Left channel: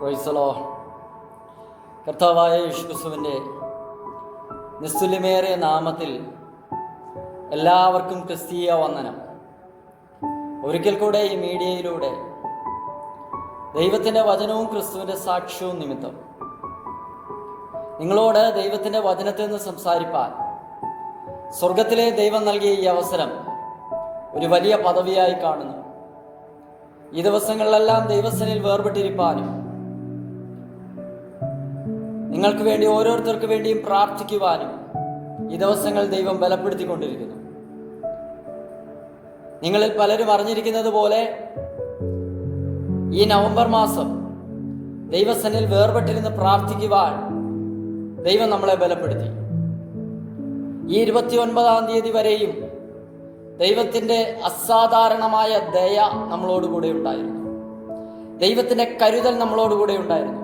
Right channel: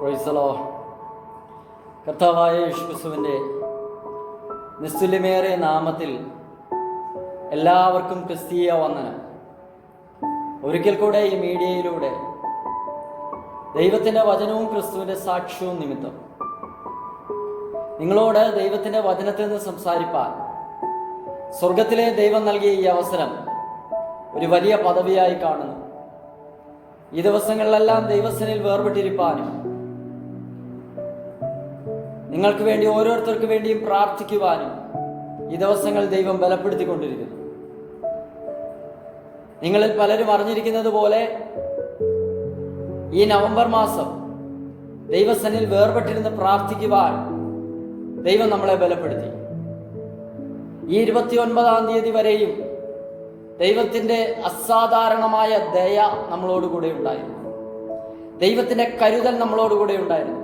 Praise the Lord. കർത്താവായ യേശുക്രിസ്തുവിൻ്റെ നിസ്തുല്യമേറിയ നാമത്തിൽ എല്ലാവർക്കും ക്രിസ്തീയ വന്ദനം. ഒരിക്കൽ കൂടെ ഈ മീഡിയയിലൂടെ ദൈവത്തിൻ്റെ വചനവും ക്രിസ്തുവിൻ്റെ സാക്ഷ്യവും നിമിത്തം നിങ്ങളോട് ദൈവത്തിൻ്റെ വചനത്തിൽ നിന്ന് സംസാരിപ്പാൻ സ്വർഗത്തിലെ ദൈവം നൽകിയ ഈ അവസരം ഒരു വലിയ പദവിയായി കാണുന്നു. ഈ ദിവസങ്ങളിലെല്ലാം ദൈവസനിൽ വേർപെട്ടിരിപ്പാനും നിങ്ങൾക്ക് വേണ്ടി ഓരോരുത്തർക്ക് വേണ്ടിയും പ്രാർത്ഥിക്കുവാനും ഈ ദിവസങ്ങൾ ദൈവം ബലപ്പെടുത്തിക്കൊണ്ടിരിക്കുന്നു. നിങ്ങളിൽ പലരും അറിഞ്ഞിരിക്കുന്നത് പോലെ ഈ നവംബർ മാസം ദൈവസനിൽ വേർപെട്ടിരുന്ന് പ്രാർത്ഥിക്കുവാൻ ദൈവം നമ്മളെ ബലപ്പെടുത്തി. ഈ 29-ാം തീയതി വരെയും ദൈവത്തിൻ്റെ അസാധാരണമായ ദയ നമ്മളോടുകൂടെ ഉണ്ടായിരുന്നു. ദൈവത്തിൻ്റെ കരുതൽ നമ്മളോടുകൂടെ ഉണ്ടായിരുന്നു.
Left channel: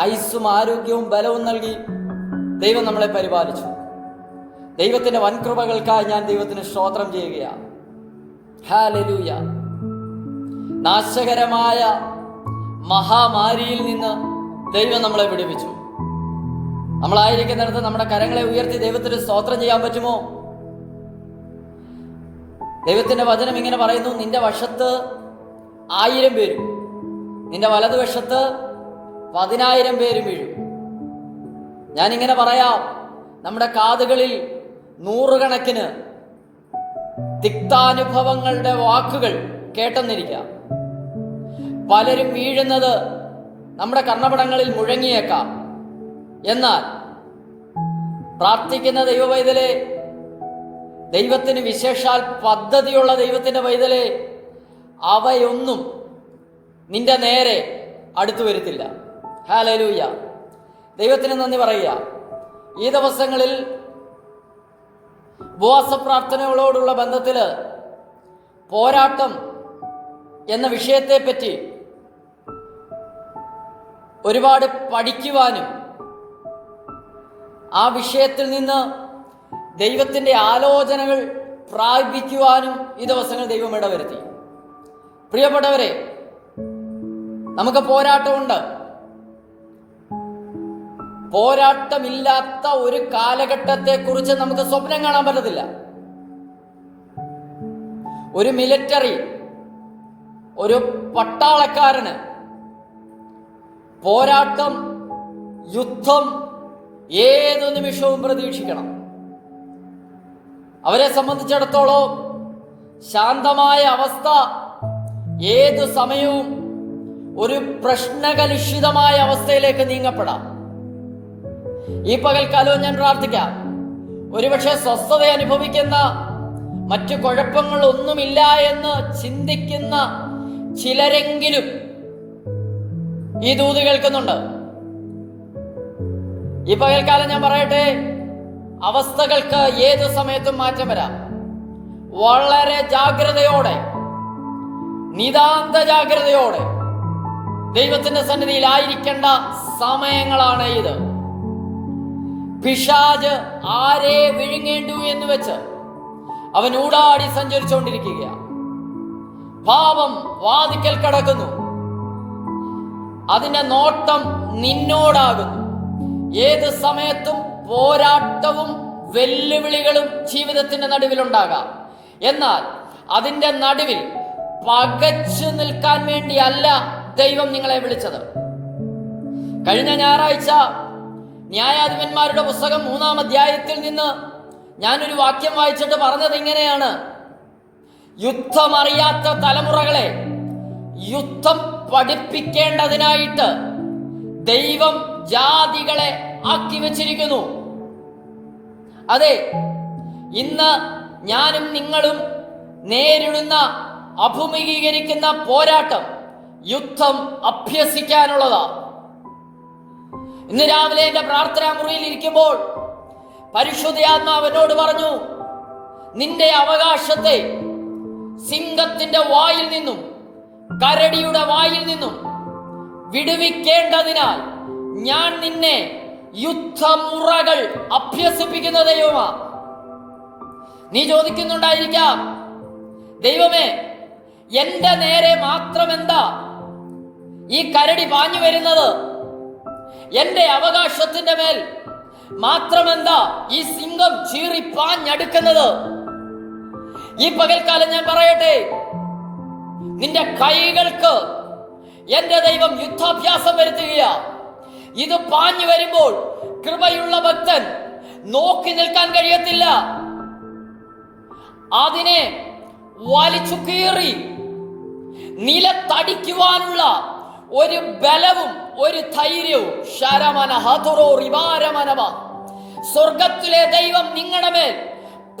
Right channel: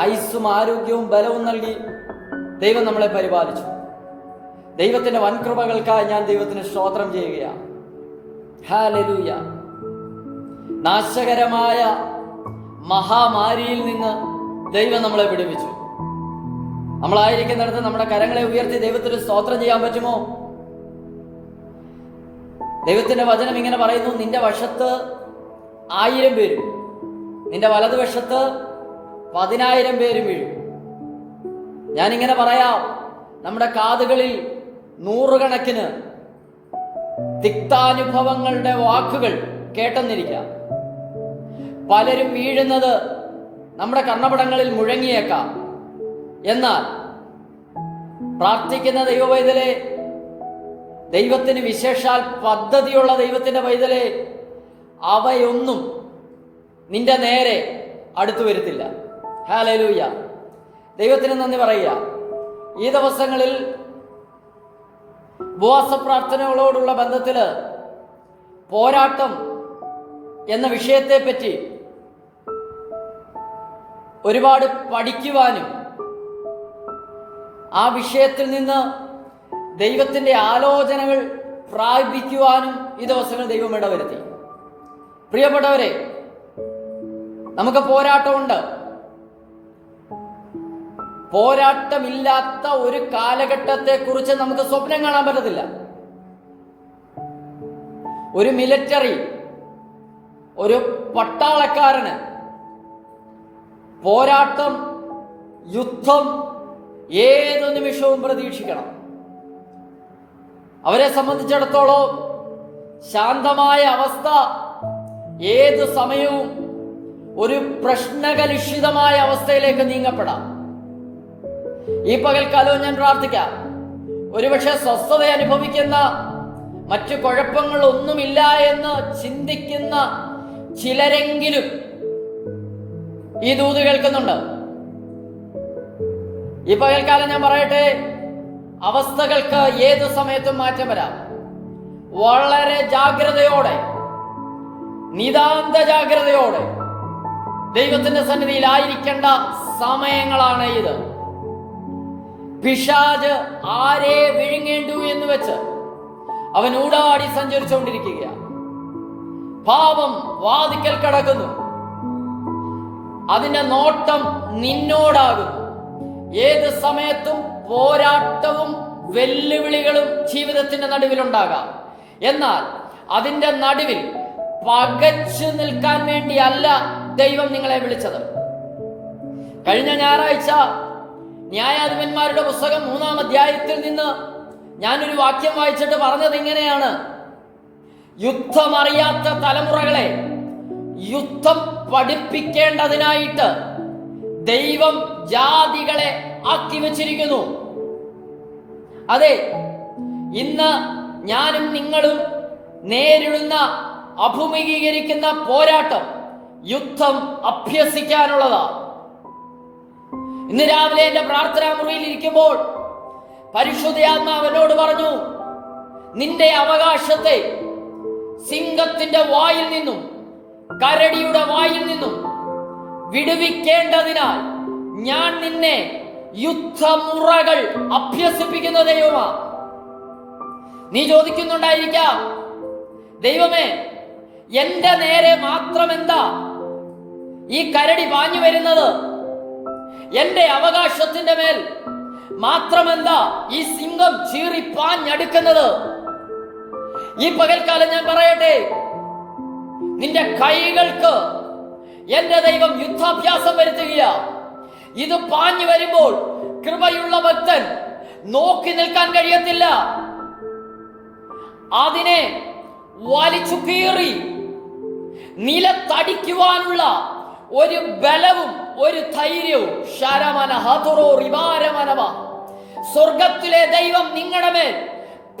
ആയുസ്സും ആരോഗ്യവും ബലവും നൽകി ദൈവം നമ്മളെ പരിപാലിച്ചു. ദൈവത്തിൻ്റെ വൻകൃപകൾക്കായി ഞാൻ ദൈവത്തിന് സ്തോത്രം ചെയ്യുകയാണ്. ഹല്ലേലൂയ. നാശകരമായ മഹാമാരിയിൽ നിന്ന് ദൈവം നമ്മളെ വിടുവിച്ചു. നമ്മളായിരിക്കുന്നിടത്ത് നമ്മുടെ കരങ്ങളെ ഉയർത്തി ദൈവത്തിന് സ്തോത്രം ചെയ്യാൻ പറ്റുമോ? ദൈവത്തിന്റെ വചനം ഇങ്ങനെ പറയുന്നു, നിന്റെ വശത്ത് 1000 പേരും നിന്റെ വലതുവശത്ത് 10,000 പേരും വീഴും. ഞാനിങ്ങനെ പറയാം, നമ്മുടെ കാതുകളിൽ 100 കണക്കിന് തിക്താനുഭവങ്ങളുടെ വാക്കുകൾ കേട്ടെന്നിരിക്കാം. പലരും വീഴുന്നത് നമ്മുടെ കർണപടങ്ങളിൽ മുഴങ്ങിയേക്കാം. എന്നാൽ പ്രാർത്ഥിക്കുന്ന ദൈവവൈതലെ, ദൈവത്തിന് വിശേഷാൽ പദ്ധതിയുള്ള ദൈവത്തിന്റെ വൈതലെ, അവയൊന്നും നിന്റെ നേരെ അടുത്തു വരുത്തില്ല. ഹല്ലേലൂയ. ദൈവത്തിന് നന്ദി പറയുക. ഈ ദിവസങ്ങളിൽ ഉപവാസ പ്രാർത്ഥനകളോടുള്ള ബന്ധത്തില് പോരാട്ടം എന്ന വിഷയത്തെപ്പറ്റി ഒരുപാട് പഠിക്കുവാനും ആ വിഷയത്തിൽ നിന്ന് ദൈവത്തിന്റെ ആലോചനകൾ പ്രാപിക്കുവാനും ഈ ദിവസങ്ങൾ ദൈവം ഇടവരുത്തി. പ്രിയപ്പെട്ടവരെ, നമുക്ക് പോരാട്ടമുണ്ട്. പോരാട്ടമില്ലാത്ത ഒരു കാലഘട്ടത്തെ കുറിച്ച് നമുക്ക് സ്വപ്നം കാണാൻ പറ്റത്തില്ല. ഒരു മിലിറ്ററി, ഒരു പട്ടാളക്കാരന് പോരാട്ടം, യുദ്ധം ഏതു നിമിഷവും പ്രതീക്ഷിക്കണം. അവരെ സംബന്ധിച്ചിടത്തോളം ശാന്തമായ അവസ്ഥ ഏതു സമയവും ഒരു പ്രശ്നകലുഷിതമായ അവസ്ഥയിലേക്ക് നീങ്ങപ്പെടാം. ഈ പകൽക്കാലവും ഞാൻ പ്രാർത്ഥിക്കാം, ഒരുപക്ഷെ സ്വസ്ഥത അനുഭവിക്കുന്ന, മറ്റു കുഴപ്പങ്ങളൊന്നുമില്ല എന്ന് ചിന്തിക്കുന്ന ചിലരെങ്കിലും ഈ ദൂത് കേൾക്കുന്നുണ്ട്. ഈ പകൽക്കാലം ഞാൻ പറയട്ടെ, അവസ്ഥകൾക്ക് ഏതു സമയത്തും മാറ്റം വരാം. വളരെ ജാഗ്രതയോടെ, നിതാന്ത ജാഗ്രതയോടെ ദൈവത്തിന്റെ സന്നിധിയിൽ ആയിരിക്കേണ്ട സമയങ്ങളാണ് ഇത്. പിശാച് ആരെ വിഴുങ്ങേണ്ടു എന്ന് വെച്ച് അവൻ ഊടാടി സഞ്ചരിച്ചുകൊണ്ടിരിക്കുകയാണ്. പാപം വാതിക്കൽ കടക്കുന്നു. അതിന്റെ നോട്ടം നിന്നോടാകുന്നു. ഏത് സമയത്തും പോരാട്ടവും വെല്ലുവിളികളും ജീവിതത്തിന്റെ നടുവിലുണ്ടാകാം. എന്നാൽ അതിന്റെ നടുവിൽ പകച്ചു നിൽക്കാൻ വേണ്ടിയല്ല ദൈവം നിങ്ങളെ വിളിച്ചത്. കഴിഞ്ഞ ഞായറാഴ്ച ന്യായാധിപന്മാരുടെ പുസ്തകം 3-ാം അധ്യായത്തിൽ നിന്ന് ഞാനൊരു വാക്യം വായിച്ചിട്ട് പറഞ്ഞത് ഇങ്ങനെയാണ്: യുദ്ധമറിയാത്ത തലമുറകളെ യുദ്ധം പഠിപ്പിക്കേണ്ടതിനായിട്ട് ദൈവം ജാതികളെ ആക്കി വെച്ചിരിക്കുന്നു. അതെ, ഇന്ന് ഞാനും നിങ്ങളും നേരിടുന്ന, അഭിമുഖീകരിക്കുന്ന പോരാട്ടം, യുദ്ധം അഭ്യസിക്കാനുള്ളതാ. ഇന്ന് രാവിലെ എന്റെ പ്രാർത്ഥനാ മുറിയിൽ ഇരിക്കുമ്പോൾ പരിശുദ്ധാത്മാവ് എന്നോട് പറഞ്ഞു, നിന്റെ അവകാശത്തെ സിംഹത്തിന്റെ വായിൽ നിന്നും കരടിയുടെ വായിൽ നിന്നും വിടുവിക്കേണ്ടതിനാൽ ഞാൻ നിന്നെ യുദ്ധമുറകൾ അഭ്യസിപ്പിക്കുന്ന ദൈവമാ. നീ ചോദിക്കുന്നുണ്ടായിരിക്കാം, ദൈവമേ, എന്റെ നേരെ മാത്രം എന്താ ഈ കരടി പാഞ്ഞു വരുന്നത് എന്റെ അവകാശത്തിന്റെ മേൽ മാത്രമെന്താ ഈ സിംഹം ചീറി പാഞ്ഞടുക്കുന്നത്? ഈ പകൽക്കാലം ഞാൻ പറയട്ടെ, നിന്റെ കൈകൾക്ക് എന്റെ ദൈവം യുദ്ധാഭ്യാസം വരുത്തുക. ഇത് പാഞ്ഞു വരുമ്പോൾ കൃപയുള്ള ഭക്തൻ നോക്കി നിൽക്കാൻ കഴിയത്തില്ല. അതിനെ വലിച്ചു കീറി നിലത്തടിക്കുവാനുള്ള ഒരു ബലവും ഒരു ധൈര്യവും സ്വർഗത്തിലെ ദൈവം നിങ്ങളുടെ മേൽ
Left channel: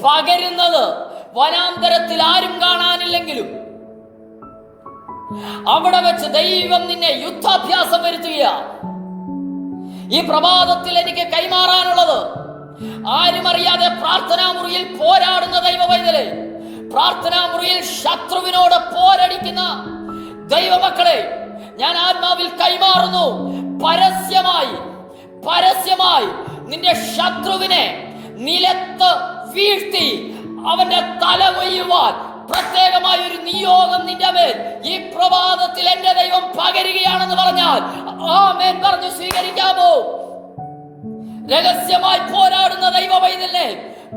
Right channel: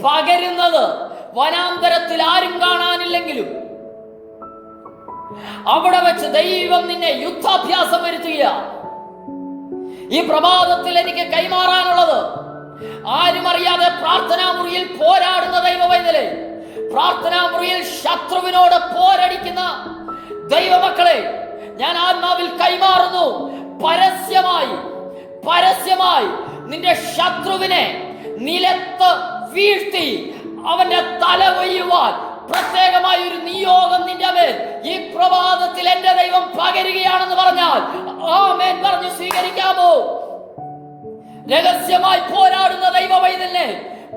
പകരുന്നത് വനാന്തരത്തിൽ ആരും കാണാനില്ലെങ്കിലും അവിടെ വെച്ച് ദൈവം നിന്നെ യുദ്ധാഭ്യാസം വരുത്തുക. ഈ പ്രഭാതത്തിൽ എനിക്ക് കൈമാറാനുള്ളത്, ആരും അറിയാതെ പ്രാർത്ഥനാ മുറിയിൽ പോരാടുന്ന ദൈവവൈതലേ, പ്രാർത്ഥനാ മുറിയിൽ ശത്രുവിനോട് പോരടിക്കുന്ന ദൈവമക്കളെ ഞാൻ ആത്മാവിൽ കൈമാറുന്നു. പരസ്യമായി നിന്റെ ശത്രുവിനെ നിലത്ത് വീഴ്ത്തി അവന്റെ തല കൊയ്യുവാൻ പ്രത്യേകമായ ഒരു നിയോഗം നിന്റെ മേൽ ഈ പ്രഭാതത്തിൽ എന്റെ ദൈവം പകരുകയാണെന്ന് പറഞ്ഞാൽ ആമേൻ പറഞ്ഞു സ്വീകരിക്കാമോ? രഹസ്യമായി പോരാടുന്ന ദൈവവൈതലിനെ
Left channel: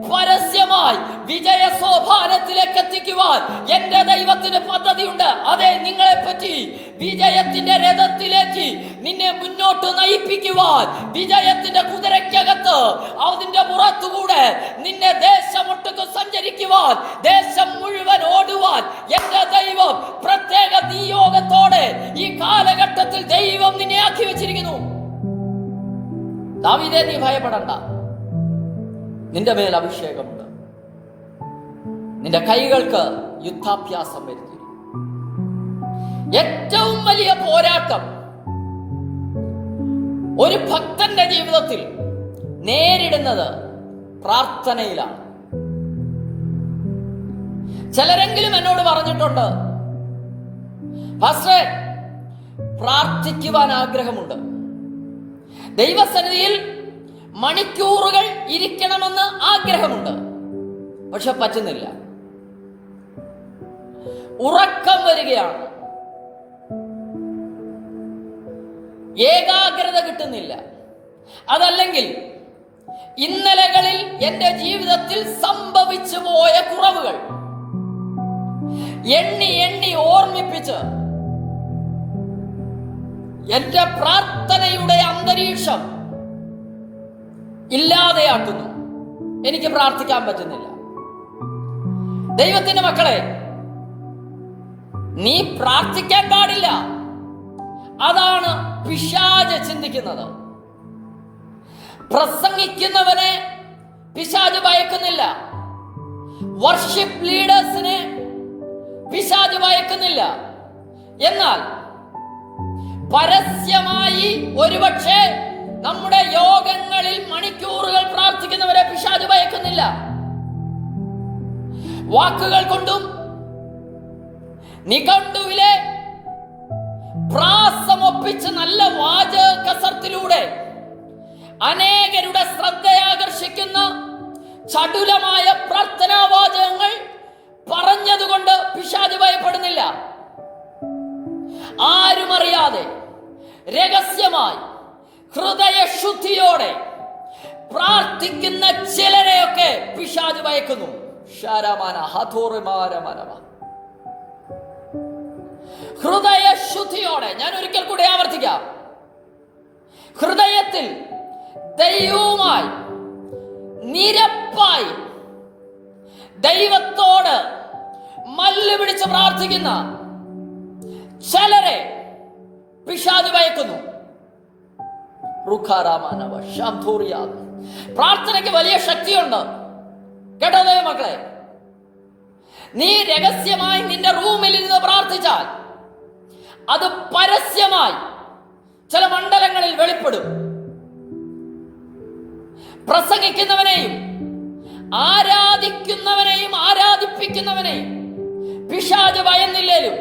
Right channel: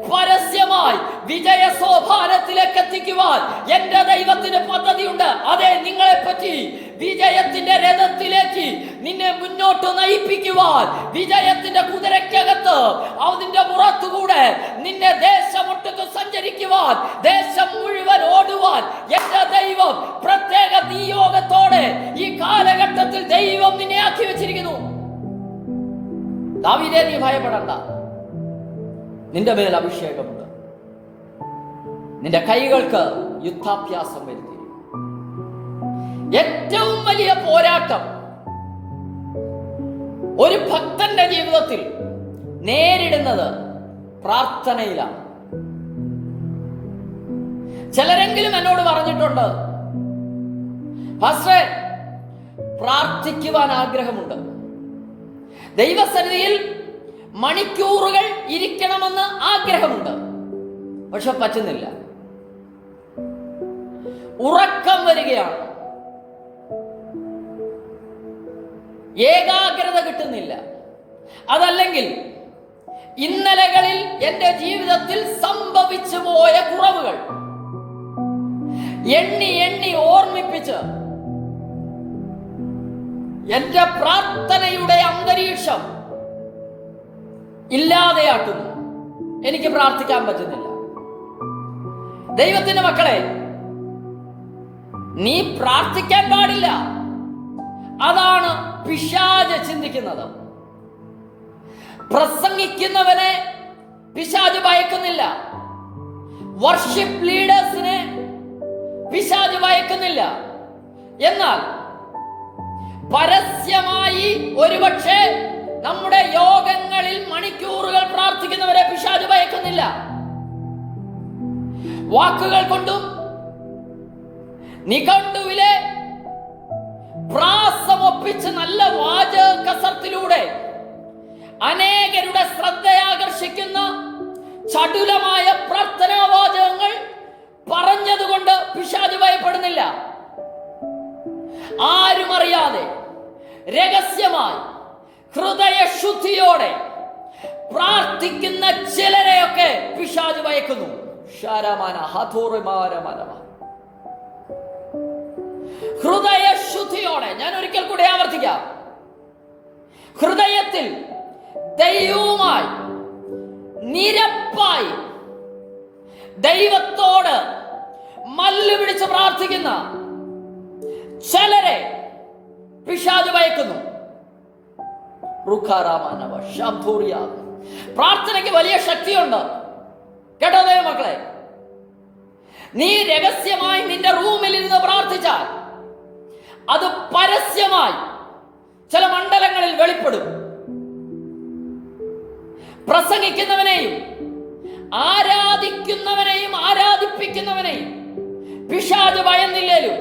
പരസ്യമായി വിജയ സോപാനത്തിലേക്ക് എത്തിക്കുവാൻ എന്റെ ദൈവത്തിന് പദ്ധതിയുണ്ട്. അതെ, നിങ്ങളെ പറ്റി വിജയത്തിന്റെ രഥത്തിലേക്ക് നിന്നെ മുന്നോട്ട് നയിപ്പിക്കുവാൻ, വിജയത്തിന്റെ കുതിരയ്ക്കകത്ത് അതിന്റെ പുറത്തുകൂടെ നിന്നെ ദേശമൊട്ടുക്ക് സഞ്ചരിക്കുവാൻ, ദേശം മുഴുവൻ ഓടുവാൻ എന്റെ ദൈവം പ്രത്യേക നിയോഗത്തോടെ ഈ കാലഘട്ടത്തിൽ ദൈവം നിന്നെ ആക്കി വെച്ചിരിക്കുന്നു. ദാവീദേ, നീ ഭയപ്പെടണ്ട, നിന്റെ മേൽ അഭിഷേകമുണ്ട്. നിന്റെ കൈകൾക്ക് യുദ്ധാഭ്യാസം വരുത്തി. ഏറ്റവും വലിയ പോരാട്ടം ഒരു ഭക്തന്റെ ജീവിതത്തിൽ നേരിടുന്നത് പ്രാർത്ഥനയിലാണ്. ചിലരെങ്കിലും എന്നോട് പറഞ്ഞിട്ടുണ്ട്, പാസ്റ്ററെ, പ്രാർത്ഥിക്കുവാൻ ആഗ്രഹമുണ്ട്, ദൈവസന്നിധിയിൽ മണിക്കൂറുകൾ ഇരിക്കണമെന്ന് ആഗ്രഹമുണ്ട്, പക്ഷെ പറ്റുന്നില്ല, ഉറക്കം വരികയാണ്, ഏകാഗ്രത കിട്ടുന്നില്ല. അതല്ലെങ്കിൽ ഇന്നലകളിൽ എന്റെ ജീവിതത്തിൽ സംഭവിച്ചു പോയ കുറവുകൾ എണ്ണി ഓർമ്മിപ്പിച്ച് എന്റെ പ്രാർത്ഥനയുടെ അന്തരീക്ഷം ഇല്ലാതെയാക്കുന്നു. എനിക്ക് പ്രാർത്ഥിക്കാൻ പറ്റുന്നില്ല. ദൈവത്തിന്റെ മക്കളെ, നീ പ്രാർത്ഥിക്കാൻ പാടില്ല. അതാണ് പിശാച് ചിന്തിക്കുന്നത്. പ്രസംഗിക്കുന്നവനെ പിശാച് ഭയക്കുന്നില്ല, വർഷിപ്പ് ലീഡേഴ്സിനെ പിശാച് ഭയക്കുന്നില്ല. എന്നാൽ പരസ്യമായി ഒരുപക്ഷെ നമ്മുടെ യോഗങ്ങളിൽ മണിക്കൂറുകൾ പ്രാർത്ഥിക്കുന്നവരെ പിശാച് ഭയക്കുന്നില്ല. വാക്കുകൾ കൊണ്ടും നിഘണ്ടുവിലെ പ്രാസമൊപ്പിച്ച് നല്ല വാചക കസർത്തിലൂടെ അനേകരുടെ ശ്രദ്ധയാകർഷിക്കുന്ന ചടുലമായ പ്രാർത്ഥനാ വാചകങ്ങൾ പറഞ്ഞതുകൊണ്ട് പിശാച് ഭയപ്പെടുന്നില്ല. ആരും അറിയാതെ രഹസ്യമായി ഹൃദയശുദ്ധിയോടെ പ്രാർത്ഥിക്കുന്ന ചിലരെയൊക്കെ പിശാച് ഭയക്കുന്നു. ഹൃദയശുദ്ധിയോടെ, ഞാൻ ഒരിക്കൽ കൂടെ ആവർത്തിക്കാം, ഹൃദയത്തിൽ ദൈവവുമായി നിരപ്പായി ദൈവത്തോട് മല്ല് പിടിച്ച് പ്രാർത്ഥിക്കുന്ന ചിലരെ പിശാച് ഭയക്കുന്നു. പ്രാർത്ഥനയ്ക്ക് വലിയ ശക്തിയുണ്ട് കേട്ടോ ദൈവമക്കളെ. നീ രഹസ്യമായി നിന്റെ റൂമിൽ ഇരുന്ന് പ്രാർത്ഥിച്ചാൽ അത് പരസ്യമായി ചില മണ്ഡലങ്ങളിൽ വെളിപ്പെടും. പ്രസംഗിക്കുന്നവനെയും ആരാധിപ്പിക്കുന്നവനെയും പിശാച് ഭയന്നില്ലേലും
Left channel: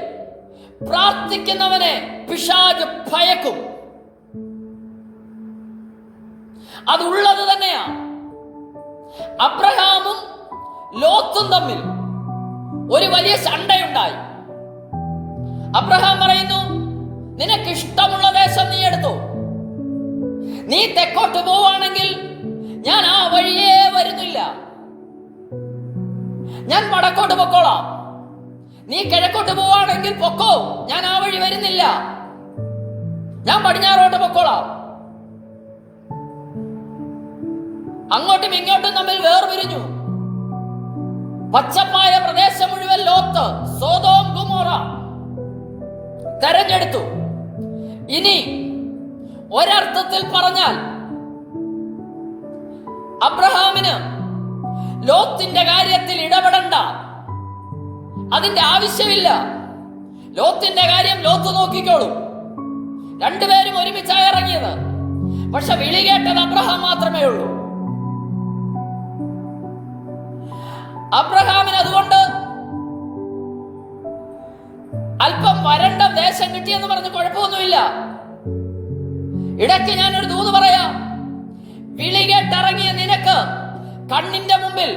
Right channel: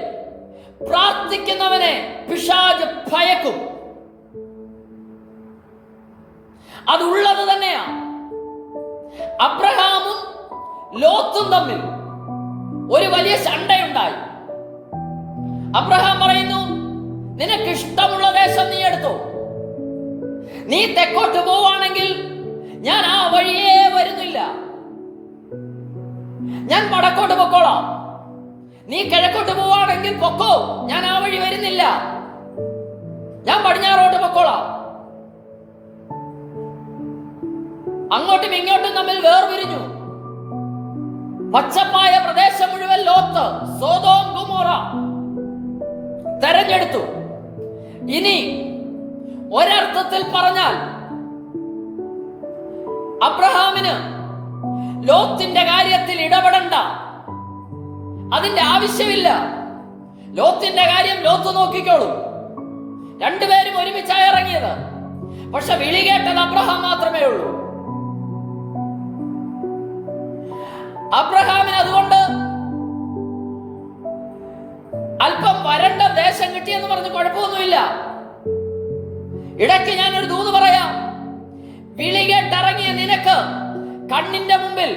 പ്രാർത്ഥിക്കുന്നവനെ പിശാച് ഭയക്കും. അതുള്ളത് തന്നെയാ. അബ്രഹാമും ലോത്തും തമ്മിൽ ഒരു വലിയ ശണ്ടയുണ്ടായി. അബ്രഹാം പറയുന്നു, നിനക്ക് നീ തെക്കോട്ട് പോവാണെങ്കിൽ ഞാൻ ആ വഴിയേ വരുന്നില്ല, ഞാൻ വടക്കോട്ട് പൊക്കോളാം. നീ കിഴക്കോട്ട് പോവാണെങ്കിൽ പൊക്കോ, ഞാൻ ആ വഴി വരുന്നില്ല, ഞാൻ പടിഞ്ഞാറോട്ട് പൊക്കോളാം. അങ്ങോട്ടും ഇങ്ങോട്ടും തമ്മിൽ വേർപിരിഞ്ഞു. പച്ചപ്പായ പ്രദേശം മുഴുവൻ ലോത്ത്, സോദോം ഗൊമോറ തെരഞ്ഞെടുത്തു. ഇനി ഒരർത്ഥത്തിൽ പറഞ്ഞാൽ അബ്രഹാമിന് ലോത്തിന്റെ കാര്യത്തിൽ ഇടപെടണ്ട, അതിന്റെ ആവശ്യമില്ല. ലോത്തിന്റെ കാര്യം ലോത്ത് നോക്കിക്കോളും. രണ്ടുപേരും ഒരുമിച്ചായി ഇറങ്ങിയത്. പക്ഷെ വിളി കേട്ടത് അബ്രഹാം മാത്രമേ ഉള്ളൂ. അബ്രഹാമിന് അതുകൊണ്ട് അല്പം വരണ്ട ദേശം കിട്ടിയെന്ന് പറഞ്ഞ് കുഴപ്പമൊന്നുമില്ല. ഇടയ്ക്ക് ഞാനൊരു ദൂത് പറയാം. വിളി കേട്ടിറങ്ങിയ നിനക്ക് കണ്ണിന്റെ മുമ്പിൽ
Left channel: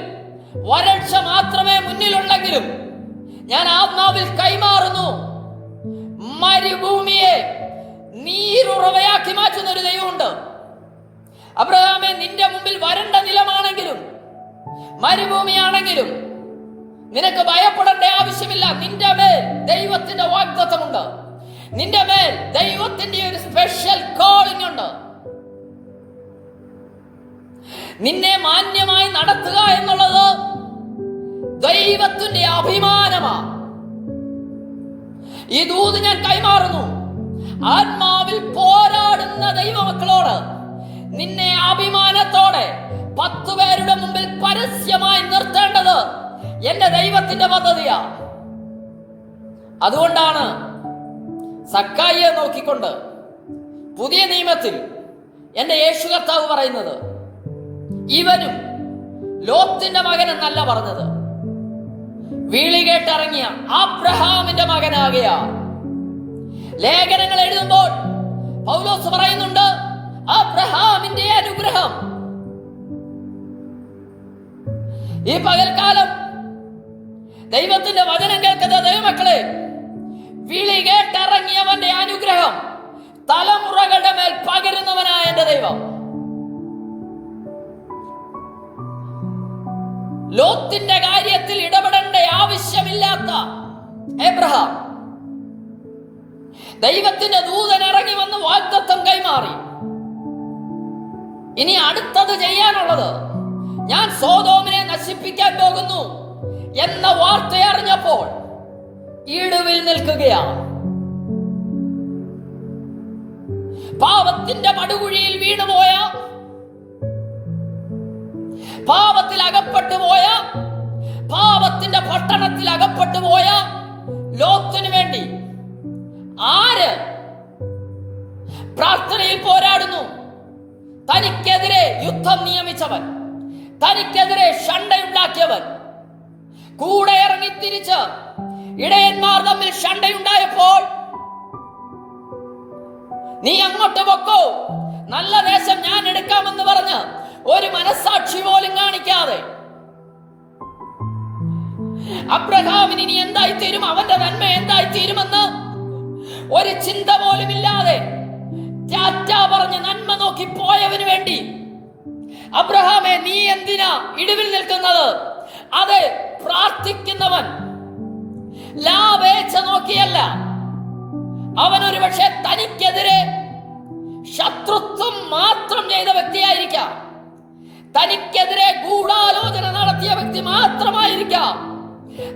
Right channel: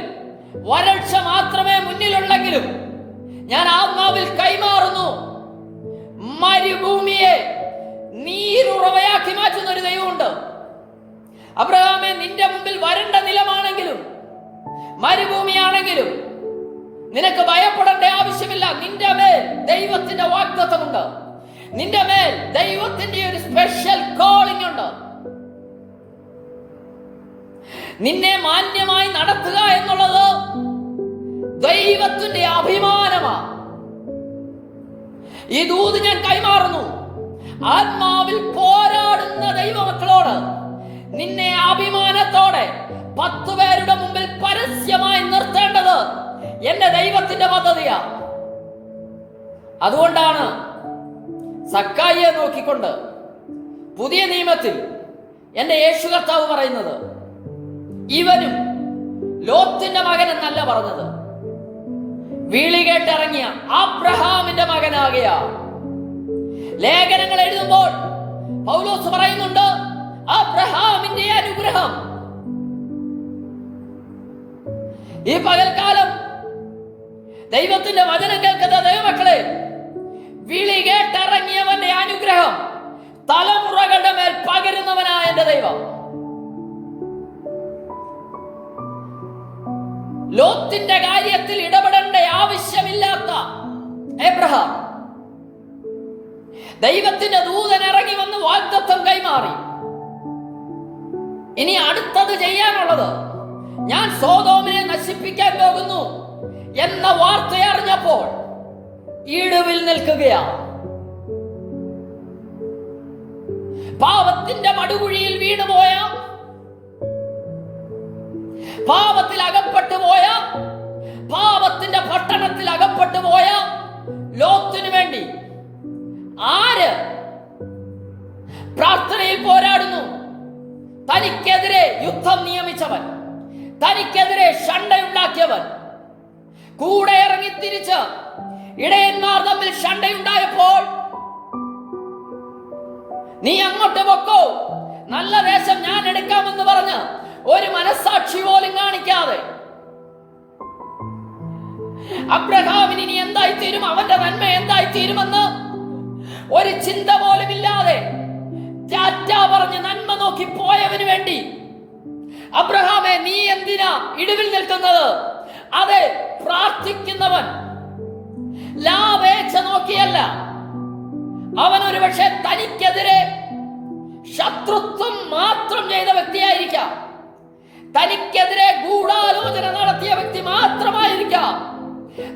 വരൾച്ച മാത്രമേ മുന്നിലുണ്ടെങ്കിലും ഞാൻ ആത്മാവിൽ കൈമാറുന്നു, മരുഭൂമിയെ നീരുറവയാക്കി മാറ്റുന്ന ഒരു ദൈവമുണ്ട്. അബ്രഹാമേ, നിന്റെ മുമ്പിൽ വരണ്ട നിലമാണെങ്കിലും മരുഭൂമിയാണെങ്കിലും നിനക്ക് ഭയപ്പെടേണ്ട ആവശ്യമില്ല. നിന്റെ മേൽ ദൈവത്തിന്റെ വാഗ്ദത്തമുണ്ട്. നിന്റെ മേൽ ദൈവത്തിന്റെ ഒരു സ്പെഷ്യൽ കോളിംഗ് ഉണ്ട്. നിന്നെ മാന്യമായി നടത്തുക എന്നുള്ളത് ദൈവത്തിന്റെ അഭിമാനമാണ്. ഈ ദൂത് ഞാൻ കൈമാറുന്നു. ആത്മാവിൽ പോരാടുന്ന ദൈവമക്കളോട് നിന്നെ അഭിമാനത്തോടെ 10 പേരുടെ മുമ്പിൽ പരസ്യമായി നിർത്തേണ്ടത് എന്റെ ദൈവത്തിന്റെ പദ്ധതിയാ. അതുകൊണ്ടാണ് സക്കായിയെ നോക്കിക്കൊണ്ട് പുതിയ നിയമത്തിൽ എന്റെ യേശു കർത്താവ് പറയുന്നത്, ഇവനും ലോത്തിന്റെ മകൻ എന്നല്ല പറഞ്ഞത്, വിളി കേട്ടിറങ്ങിയ അബ്രഹാമിന്റെ മകനാകിയ. ലേഖനങ്ങൾ എഴുതുമ്പോൾ പൗലോസ് പറയുന്നുണ്ട്, അബ്രഹാമിന്റെ അനുഗ്രഹം. ഈ പകൽക്കാലം ദൈവത്തിന്റെ വചനം കേൾക്കുന്ന ദൈവമക്കളെ, വിളി കേട്ടിറങ്ങിയവന്റെ അനുഗ്രഹം തലമുറകളുടെ മേൽ പകരുന്നവനായ എന്റെ ദൈവം. ലോത്തിന്റെ കാര്യത്തിൽ ഇടപെടേണ്ട ആവശ്യമില്ലാത്ത എബ്രഹാം ദൈവത്തിന്റെ ദൂതൻ ഇറങ്ങി വന്ന് വാഗ്ദത്തം കൈമാറി. ഇനി അടുത്തത് ചെയ്യാനുള്ളത്, ഞാൻ സോദോമിനെ നശിപ്പിക്കാൻ പോകുന്നു എന്ന വാർത്ത അറിഞ്ഞപ്പോൾ ഇടിവിൽ നിൽക്കുകയാണ്. പാപത്തിന്റെ പടുകുഴിയിൽ വീണുപോയ, പാപത്തിൽ അകപ്പെട്ടു പോയ, പാപത്തിന്റെ പട്ടണത്തിൽ അകപ്പെട്ടു പോയ ലോത്തിനു വേണ്ടി ആര് പ്രാർത്ഥനയിൽ പോരാടുന്നു? തനിക്കെതിരെ യുദ്ധം നിയമിച്ചവൻ, തനിക്കെതിരെ ഷണ്ടയുണ്ടാക്കിയവൻ, കൂടെ ഇറങ്ങി തിരിച്ച് ഇടയന്മാർ തമ്മിൽ ഷണ്ടയുണ്ടായപ്പോൾ നീ അങ്ങോട്ട് പൊക്കോ, നല്ല ദേശം ഞാൻ എടുക്കാമെന്ന് പറഞ്ഞ് ഒരു മനസ്സാക്ഷി പോലും കാണിക്കാതെ അബ്രഹാമിന് ഇനി എന്തായിത്തീരും, അവന്റെ നന്മ എന്തായിത്തീരുമെന്ന് ഒരു ചിന്ത പോലും ഇല്ലാതെ ടാറ്റ പറഞ്ഞ് നന്മ നോക്കി പോയവന് വേണ്ടി, അബ്രഹാമേ നീ എന്തിനാ ഇടിവിൽ നിൽക്കുന്നത്? അതെ, പ്രാർത്ഥിക്കുന്നവൻ ലാഭേച്ഛ നോക്കിയല്ല. അവൻ ഒരു പക്ഷേ തനിക്കെതിരെ ശത്രുത്വം മാത്രം ചെയ്ത വ്യക്തിയായിരിക്കാം, തനിക്കെതിരെ ഗൂഢാലോചന നടത്തിയ വ്യക്തി മാത്രമായിരിക്കാം,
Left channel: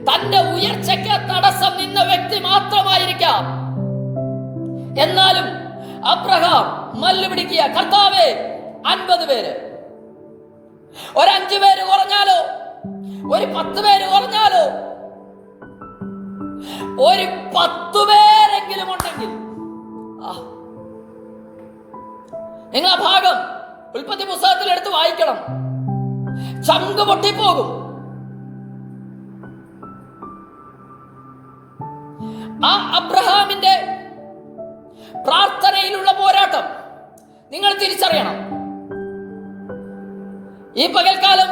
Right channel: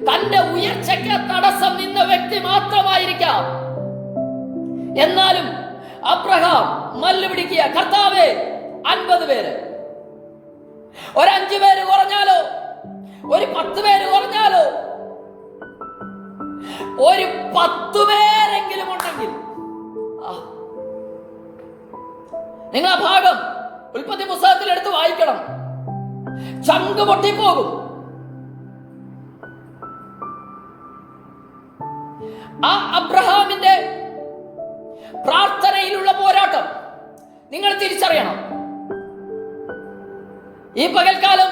തന്റെ ഉയർച്ചയ്ക്ക് തടസ്സം നിന്ന വ്യക്തി മാത്രമായിരിക്കാം. എന്നാലും അബ്രഹാം മല്ല് പിടിക്കുക, കർത്താവേ 50 പേര്, ഒരു 5 പേര് കുറഞ്ഞാലോ, ഒരു 10 പേര് കുറഞ്ഞാലോ, ഒരു 10 പേരെങ്കിലും ഉണ്ടെങ്കിൽ. നിങ്ങൾ ആ ഭാഗം ഉൽപ്പത്തി പുസ്തകത്തിൽ എടുത്ത് വായിക്കണം, ചങ്ക് പൊട്ടിപ്പോകും. ആ അബ്രഹാമിന്റെ പ്രാർത്ഥനയിലുള്ള പോരാട്ടം നിങ്ങൾ തിരിച്ചറിയണം. ഈ പകൽക്കാലം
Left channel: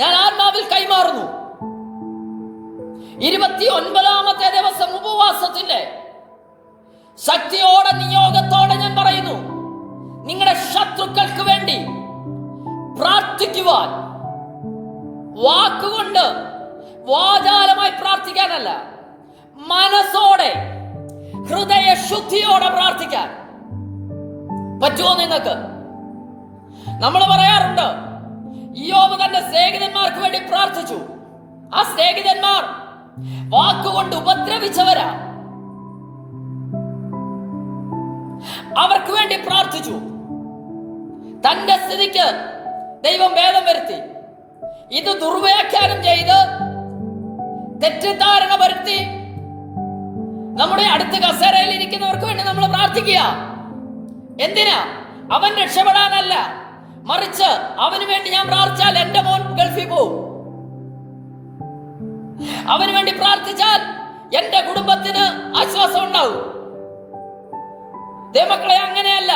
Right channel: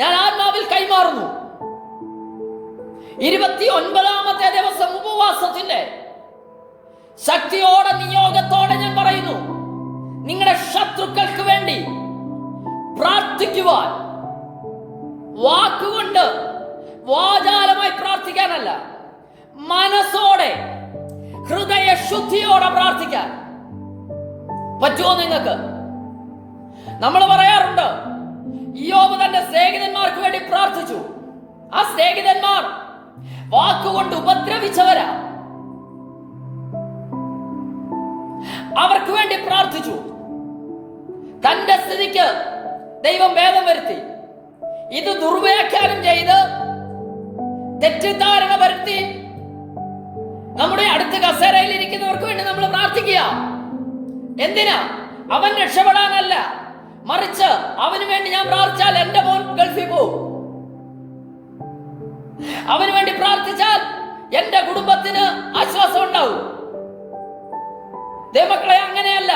ഞാൻ ആത്മാവിൽ കൈമാറുന്നു. 29ാമത്തെ ദിവസം ഉപവാസത്തിന്റെ ശക്തിയോടെ നിയോഗത്തോടെ ഞാൻ പറയുന്നു, നിങ്ങളുടെ ശത്രുക്കൾക്ക് വേണ്ടി പ്രാർത്ഥിക്കുവാൻ, വാക്കുകൊണ്ട് വാചാലമായി പ്രാർത്ഥിക്കാനല്ല, മനസ്സോടെ ഹൃദയ ശുദ്ധിയോടെ പ്രാർത്ഥിക്കാൻ പറ്റുമോ നിങ്ങൾക്ക്? നമ്മൾ പറയാറുണ്ട്, ഇയ്യോബ് തന്റെ സ്നേഹിതന്മാർക്ക് വേണ്ടി പ്രാർത്ഥിച്ചു. ആ സ്നേഹിതന്മാർ വാക്കുകൊണ്ട് ഉപദ്രവിച്ചവരാ. അവർക്ക് വേണ്ടി പ്രാർത്ഥിച്ചു. തന്റെ സ്ഥിതിക്ക് ദൈവം ഭേദം വരുത്തി. ഇത് ദുർവ്യാഖ്യാനം ചെയ്ത് തെറ്റിദ്ധാരണ വരുത്തി നമ്മുടെ അടുത്ത കസേരയിൽ ഇരിക്കുന്നവർക്ക് വേണ്ടി നമ്മൾ പ്രാർത്ഥിക്കുക. എന്തിനാ? അവൻ രക്ഷപ്പെടാനല്ല, മറിച്ച് അവന് വേണ്ടി ഞാൻ പ്രാർത്ഥിച്ചാൽ എന്റെ മോൻ ഗൾഫിൽ പോകും, അവന് വേണ്ടി പ്രാർത്ഥിച്ചാൽ എന്റെ കുടുംബത്തിന് ആശ്വാസം ഉണ്ടാവും. ദൈവമക്കളെ, അങ്ങനെയല്ല.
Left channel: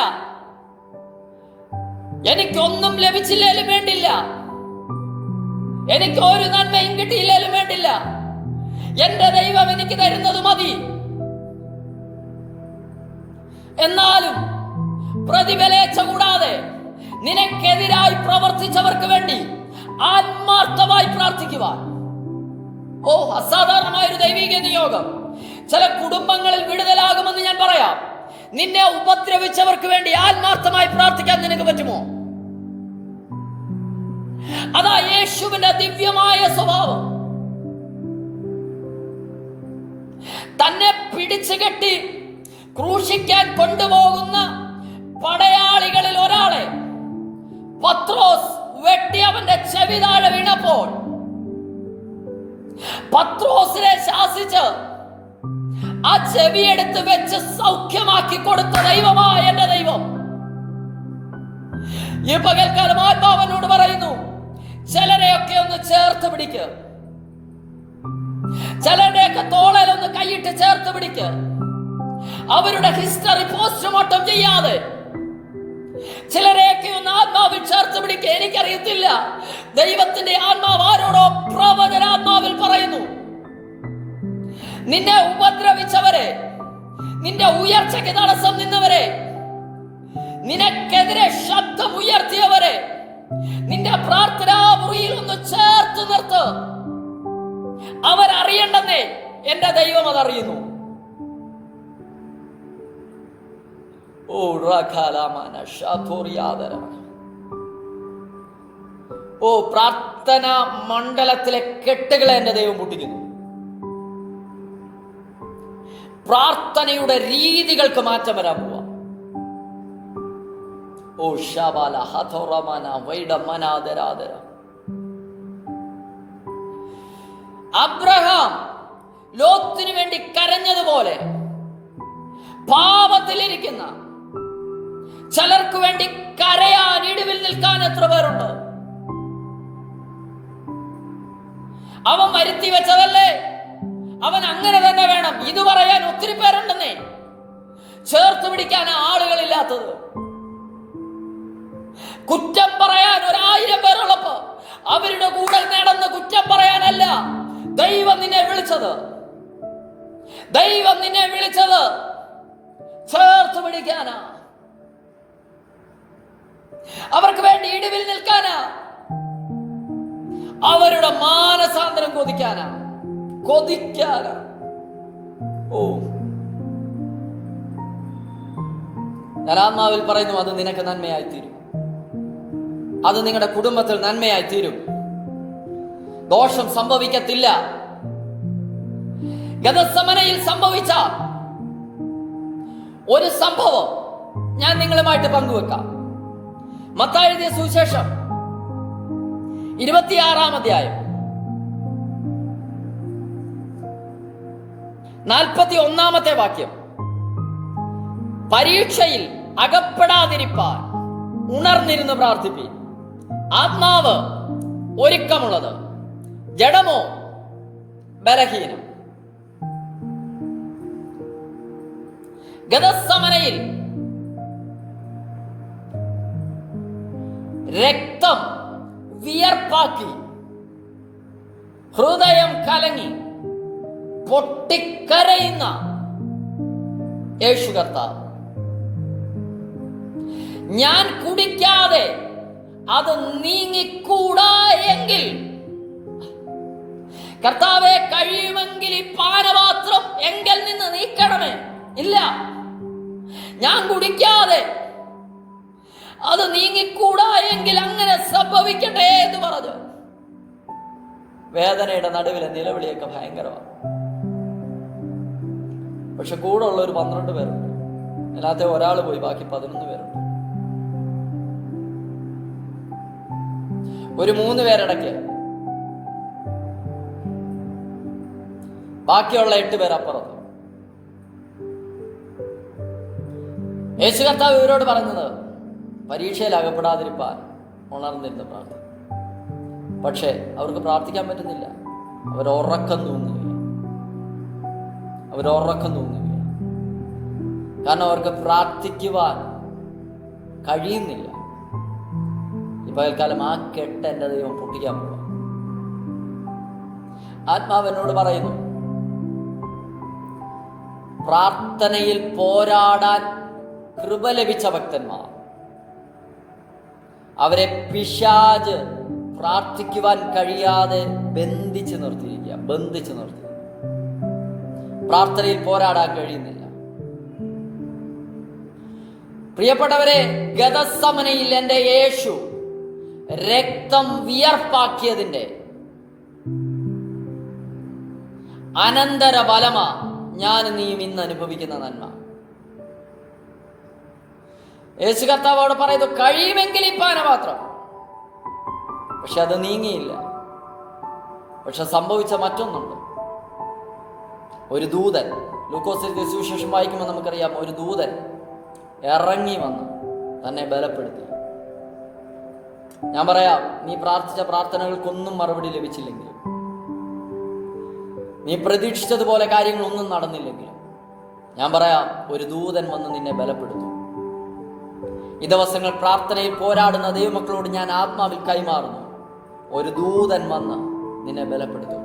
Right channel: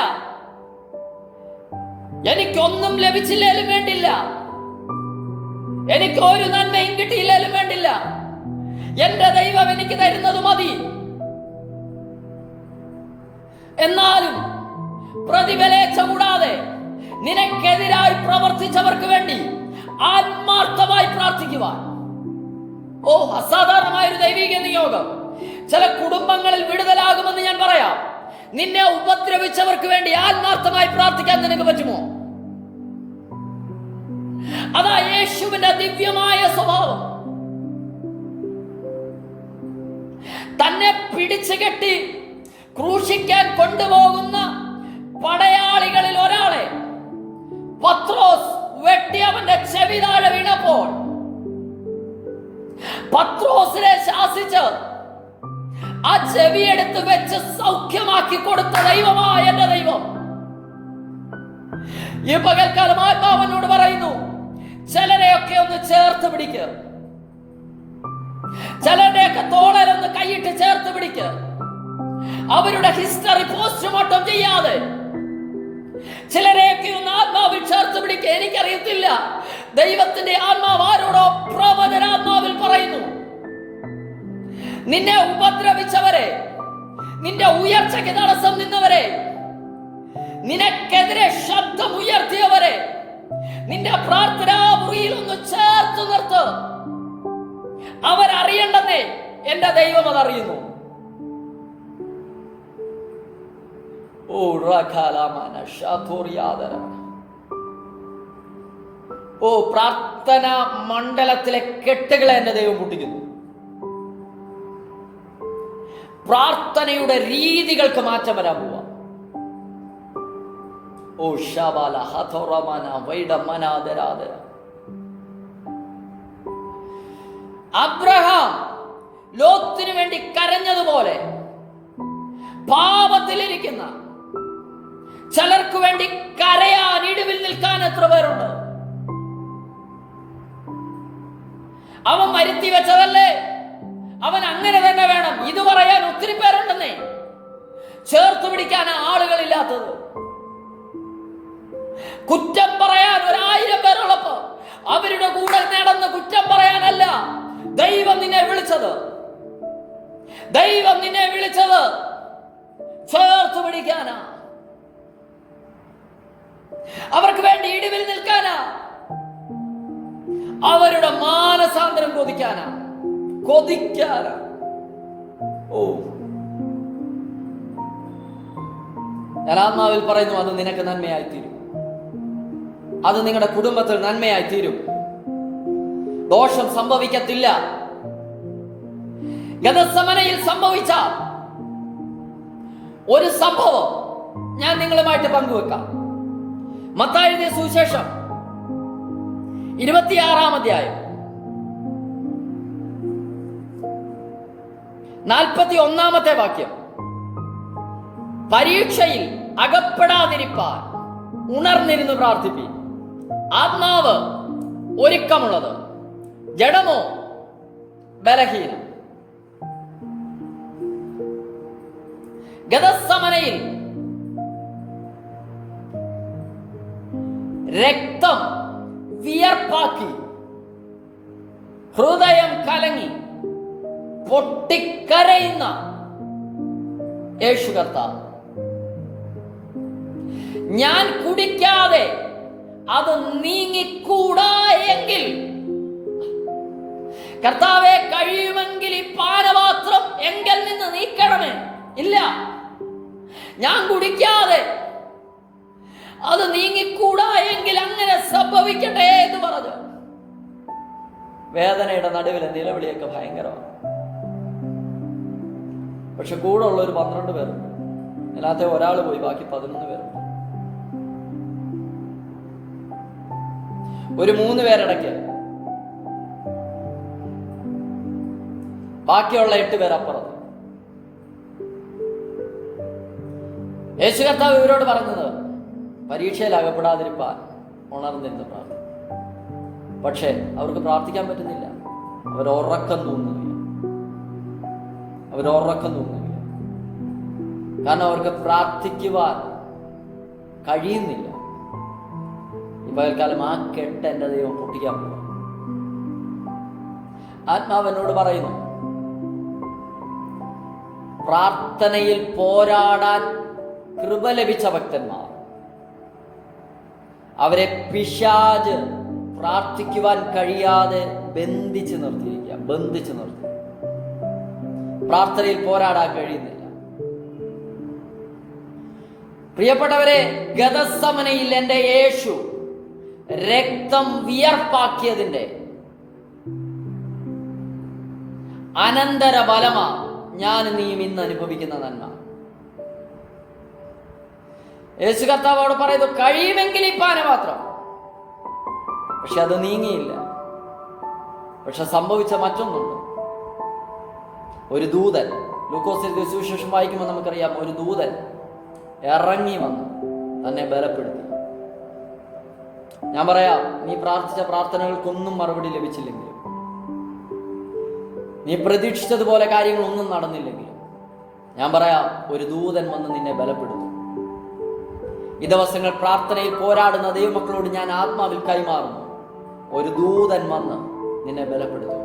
എനിക്കൊന്നും ലഭിച്ചില്ലേലും വേണ്ടില്ല, എനിക്ക് ഒരു നന്മയും കിട്ടിയില്ലേലും വേണ്ടില്ല, എന്റെ ദൈവം എനിക്ക് തരുന്നത് മതി. എന്നാലും പ്രതിഫലേച്ഛ കൂടാതെ നിനക്കെതിരായി പ്രവർത്തിച്ചവർക്ക് വേണ്ടി ആത്മാർത്ഥമായി പ്രാർത്ഥിക്കുവാൻ. ഓ, അസാധാരണമായൊരു ദൈവിക നിയോഗം. ചില കുടുംബങ്ങളിൽ വിടുതലാകുമെന്ന് ഞാൻ പറയാം. നിന്നെ ഉപദ്രവിച്ചവർക്ക് വേണ്ടി ആത്മാർത്ഥമായി പ്രാർത്ഥിക്കാൻ നിനക്ക് പറ്റുമോ? അതാ യേശുവിന്റെ ദിവ്യമായ സ്വഭാവം. തന്നെ പിടിച്ചു കെട്ടി ക്രൂശിക്കാൻ കൊണ്ടുപോകുന്ന പടയാളികളിൽ ഒരാളെ പത്രോസ് വെട്ടി അവന്റെ ചെവി താഴെ വീണപ്പോൾ പത്രോസിനെ ശാസിച്ച് ആ ചെവിയെടുത്ത് വെച്ച് സൗഖ്യമാക്കി കൊടുത്ത ദൈവമായ എന്റെ ദൈവം ഈ പകൽക്കാലം ആത്മാവനോട് പറയുന്നു, ചിലരെയൊക്കെ ഒന്ന് ചേർത്ത് പിടിക്കുക, ചിലരുടെയൊക്കെ തോളലൊന്ന് കൈയിട്ട് ചേർത്ത് പിടിക്കുക. അവരുടെ ഹിസ്റ്ററി പോസ്റ്റ്മോർട്ടം ചെയ്യാതെ ചിലരെയൊക്കെ ഒന്ന് ആത്മാവിൽ ചേർത്ത് പിടിക്കുക. എനിക്കറിയത്തില്ല, ദൈവത്തിന്റെ ആത്മാവ് ആരോടോ പ്രവചനാത്മാവിൽ പറയുന്നു, നിന്നെ ഉപദ്രവിച്ചവരെ, നിന്റെ ഉയർച്ചയ്ക്ക് തടസ്സം നിന്നവരെ, നിനക്കെതിരെ ശബ്ദം ഉയർത്തിയവരെ നിന്റെ പ്രാർത്ഥനാ മുറിയിൽ ഒന്ന് ചേർത്ത് നിർത്ത്. അവരറിയണ്ടെന്നേ എന്റെ ദൈവം അതറിയുന്നു. ഓ, പ്രാർത്ഥന മണ്ഡലത്തിലെ കെട്ടുകളെ എന്റെ ദൈവം പൊട്ടിക്കുന്നു. പ്രാർത്ഥനയുടെ രീതികൾക്ക് മാറ്റം വരാൻ പോവാ. ഓ ഷാബാല ഹഥോറമന വൈഡമനാദരാദര. അബ്രഹാം ലോത്തിന് വേണ്ടി കരഞ്ഞതുപോലെ പാപത്തിലിരിക്കുന്ന ചിലർക്ക് വേണ്ടി കരയാൻ, ഇടിവിൽ നിൽക്കാൻ എത്ര പേരുണ്ട്? അവൻ വരുത്തി വെച്ചതല്ലേ, അവൻ അങ്ങനെ തന്നെ വേണം, ഇത് പറയാൻ ഒത്തിരി പേരുണ്ടെന്നേ. ചേർത്ത് പിടിക്കാൻ ആളുകളില്ലാത്തത്, കുറ്റം പറയാൻ 1000 പേരുള്ളപ്പോ അവരുടെ കൂടെ നടന്ന് കുറ്റം പറയാനല്ല ദൈവം നിന്നെ വിളിച്ചത്. ദൈവം നിന്നെ വിളിച്ചത് ചേർത്ത് പിടിക്കാനാ, അവർക്ക് വേണ്ടി ഇടിവിൽ നിൽക്കാനാ, അവരുടെ മാനസാന്തരം കൊതിക്കാനാ. ഓ, ഞാൻ ആത്മാവിൽ പറയുന്നു, അത് നിനക്ക് നന്മയായി തീരും, അത് നിങ്ങളുടെ കുടുംബത്തിൽ നന്മയായി തീരും, ദോഷം സംഭവിക്കത്തില്ല. ഗതസമനയിൽ സംഭവിച്ച ഒരു സംഭവം ഞാൻ നിങ്ങളുമായിട്ട് പങ്കുവെക്കാം. മത്തായി എഴുതിയ സുവിശേഷം 26-ാം അധ്യായം 41-ാമത്തെ വാക്യം. പരീക്ഷയിൽ അകപ്പെടാതിരിപ്പാൻ ഉണർന്നിരുന്ന് പ്രാർത്ഥിപ്പീൻ. ആത്മാവ് ഒരുക്കമുള്ളത്, ജഡമോ ബലഹീനം. ഗതസമനയിൽ രക്തം വിയർപ്പാക്കി, ഹൃദയം കലങ്ങി പൊട്ടിക്കരയുന്ന യേശു കർത്താവ് ഞാൻ കുടിക്കാതെ അത് നീങ്ങിക്കൂടാ എങ്കിൽ, കർത്താവെ കഴിയുമെങ്കിൽ ഈ പാനപാത്രം എങ്കിൽ നിന്ന് നീക്കണമേ. ഇല്ല, ഞാൻ കുടിക്കാതെ അത് നീങ്ങിക്കൂടാ എങ്കിൽ അങ്ങനെ സംഭവിക്കട്ടെ എന്ന് പറഞ്ഞു. വേദനയുടെ നടുവിലെ നിലവിളിയൊക്കെ ഭയങ്കരമാണ്. പക്ഷെ കൂടെ ഉള്ള ഒരു 12 പേരുണ്ട്. അതിനകത്തെ ഒരാൾ പോയി, ബാക്കി 11 പേരുണ്ട്. ഒരു 3 പേരടയ്ക്ക്, ബാക്കിയുള്ള 8 പേരപ്പുറം. യേശു കർത്താവ് ഇവരോട് പറഞ്ഞത്, പരീക്ഷയിൽ അകപ്പെടാതിരിപ്പാൻ ഉണർന്നിരുന്ന് പ്രാർത്ഥന. പക്ഷേ അവർക്ക് പ്രാർത്ഥിക്കാൻ പറ്റുന്നില്ല. അവരുറക്കം തോന്നുന്നില്ല. കാരണം അവർക്ക് പ്രാർത്ഥിക്കുവാൻ കഴിയുന്നില്ല. ഈ പകൽക്കാലം ആ കെട്ട് എൻ്റെ ദൈവം പൊട്ടിക്കാൻ പോകാം. ആത്മാവെന്നോട് പറയുന്നു, പ്രാർത്ഥനയിൽ പോരാടാൻ കൃപ ലഭിച്ച ഭക്തന്മാർ, അവരെ പിശാച് പ്രാർത്ഥിക്കുവാൻ കഴിയാതെ ബന്ധിച്ചു നിർത്തി. പ്രാർത്ഥനയിൽ പോരാടാൻ കഴിയുന്നില്ല. പ്രിയപ്പെട്ടവരെ, ഗതസമനയിൽ എൻ്റെ യേശു രക്തം വിയർപ്പാക്കിയതിൻ്റെ അനന്തര ഫലമാ ഞാൻ നീയും ഇന്ന് അനുഭവിക്കുന്ന നന്മ. യേശു കർത്താവോട് പറയുന്നു, കഴിയുമെങ്കിൽ ഈ പാനപാത്രം. പക്ഷെ അത് നീങ്ങിയില്ല. പക്ഷെ സംഭവിച്ച മറ്റൊന്നുണ്ട്. ഒരു ദൂതൻ, ലൂക്കോസിന്റെ സുവിശേഷം വായിക്കുമ്പോൾ നമുക്കറിയാം, ഒരു ദൂതൻ ഇറങ്ങി വന്നു തന്നെ ബലപ്പെടുത്തി. ഞാൻ പറയാം, നീ പ്രാർത്ഥിച്ച പ്രാർത്ഥനകൾക്കൊന്നും മറുപടി ലഭിച്ചില്ലെങ്കിലും, നീ പ്രതീക്ഷിച്ചതുപോലെ കാര്യങ്ങളൊന്നും നടന്നില്ലെങ്കിലും, ഞാൻ പറയാം, ഒരു ദൂതൻ വന്ന് നിന്നെ ബലപ്പെടുത്തും. ഈ ദിവസങ്ങൾ പ്രാർത്ഥനയിൽ പോരാടുന്ന ദൈവമക്കളോട് ഞാൻ ആത്മാവിൽ കൈമാറുന്നു, ഒരു ദൂതൻ വന്ന് നിന്നെ ബലപ്പെടുത്തും.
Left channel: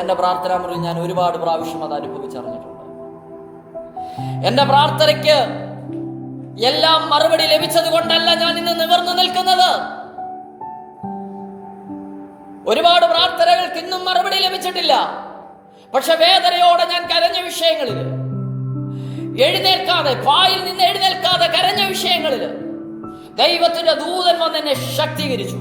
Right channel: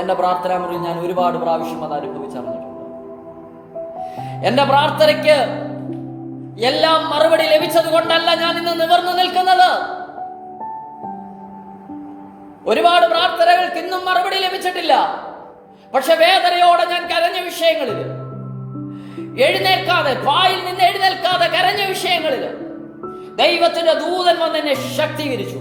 എൻ്റെ പ്രാർത്ഥനാ മുറി ഞാൻ ഒരുപാട് പ്രാവശ്യം അത് അനുഭവിച്ചറിഞ്ഞിട്ടുണ്ട്. എൻ്റെ പ്രാർത്ഥനയ്ക്ക് എല്ലാം മറുപടി ലഭിച്ചത് കൊണ്ടല്ല ഞാൻ ഇന്ന് നിവർന്നു നിൽക്കുന്നത്. ഒരുപാട് പ്രാർത്ഥനകൾക്ക് ഇന്നും മറുപടി ലഭിച്ചിട്ടില്ല. പക്ഷെ വേദനയോടെ ഞാൻ കരഞ്ഞ വിഷയങ്ങളിൽ, എഴുന്നേൽക്കാതെ, പായിൽ നിന്ന് എഴുന്നേൽക്കാതെ കരഞ്ഞ വിഷയങ്ങളിൽ ദൈവത്തിന്റെ ദൂതൻ വന്ന് എന്നെ ശക്തീകരിച്ചു.